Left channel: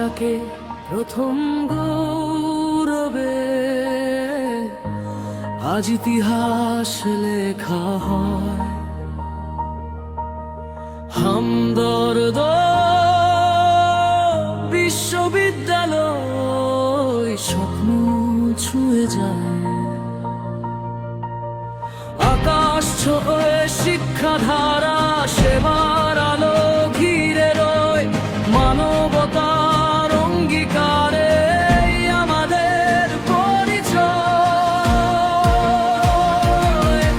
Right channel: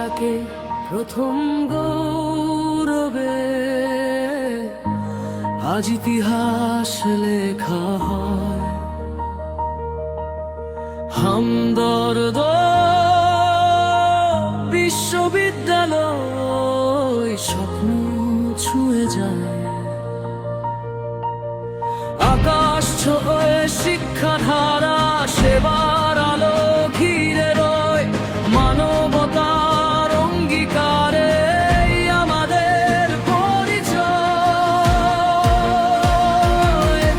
ডাকে প্রথম গৌরবে, আজ ইতিহাস লেখা হয়। হামদর্দ বিশ্ববিদ্যালয় স্বপ্ন ছুঁয়ে যায়, আকাশ ছোঁয়ে শিক্ষাধারা, সেবার আলো ঘিরে রয়, মানবতার অঙ্গীকারে আমাদের পরিচয়।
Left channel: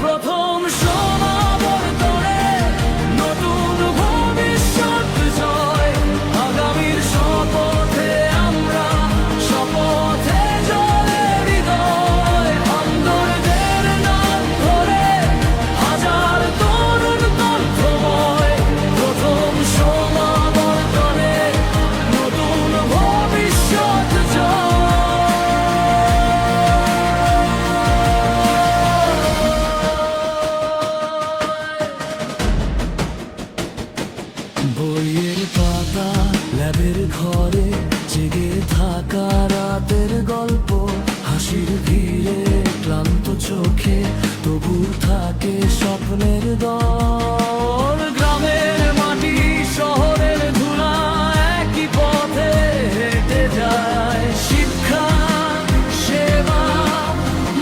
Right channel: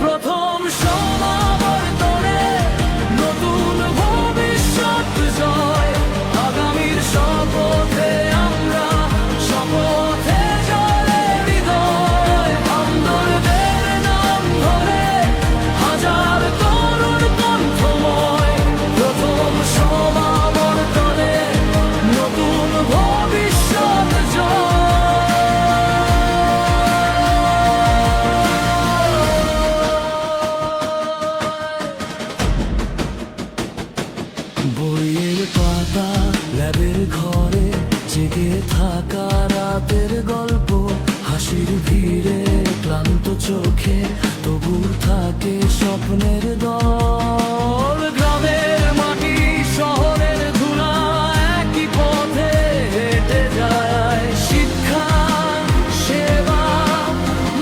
প্রথম সমাবর্তনে নতুন ভবিষ্যৎ জয়, আগামীর শপথে আমরা শপথে জলে হৃদয়। হামদর্দের নাম ধরে হাজার তরুণ কণ্ঠময়, প্রথম সমাবর্তনে নতুন ভবিষ্যৎ জয়। বইয়ের পাতা, ল্যাবের ঘরে জেগে থাকা রাতের গল্প, হাসির ভিড়ে ক্লান্ত চোখে তবু থাকে স্বপ্নের দল। গ্রামের মাটি শহরের ধুলা একই পথে হেঁটে যায়, শিক্ষা সেবা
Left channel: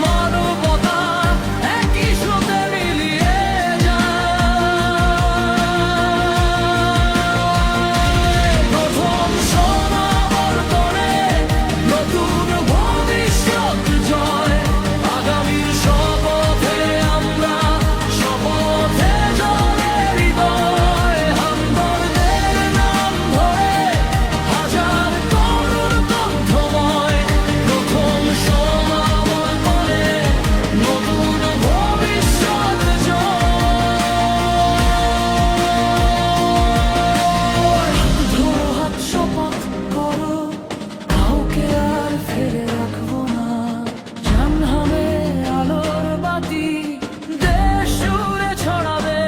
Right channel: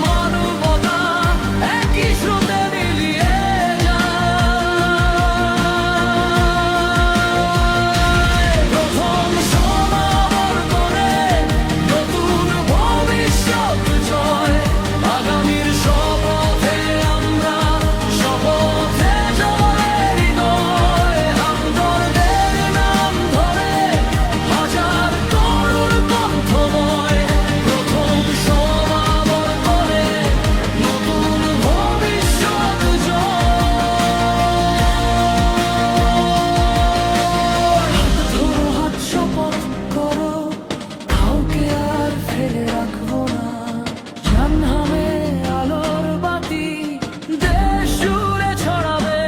মানবতা একই স্রোতে মিলিয়ে যায়। প্রথম সমাবর্তনে নতুন ভবিষ্যৎ জয়, আগামীর শপথে আমরা শপথে জলে হৃদয়। হামদর্দের নাম ধরে হাজার তরুণ কণ্ঠময়, প্রথম সমাবর্তনে নতুন ভবিষ্যৎ জয়। হাত ধরো, হাত শপথ করো, কাউকে আর ফেলে রাখবো না। জানহামে আলোর বাতি দেশ জুড়ে ছড়াবে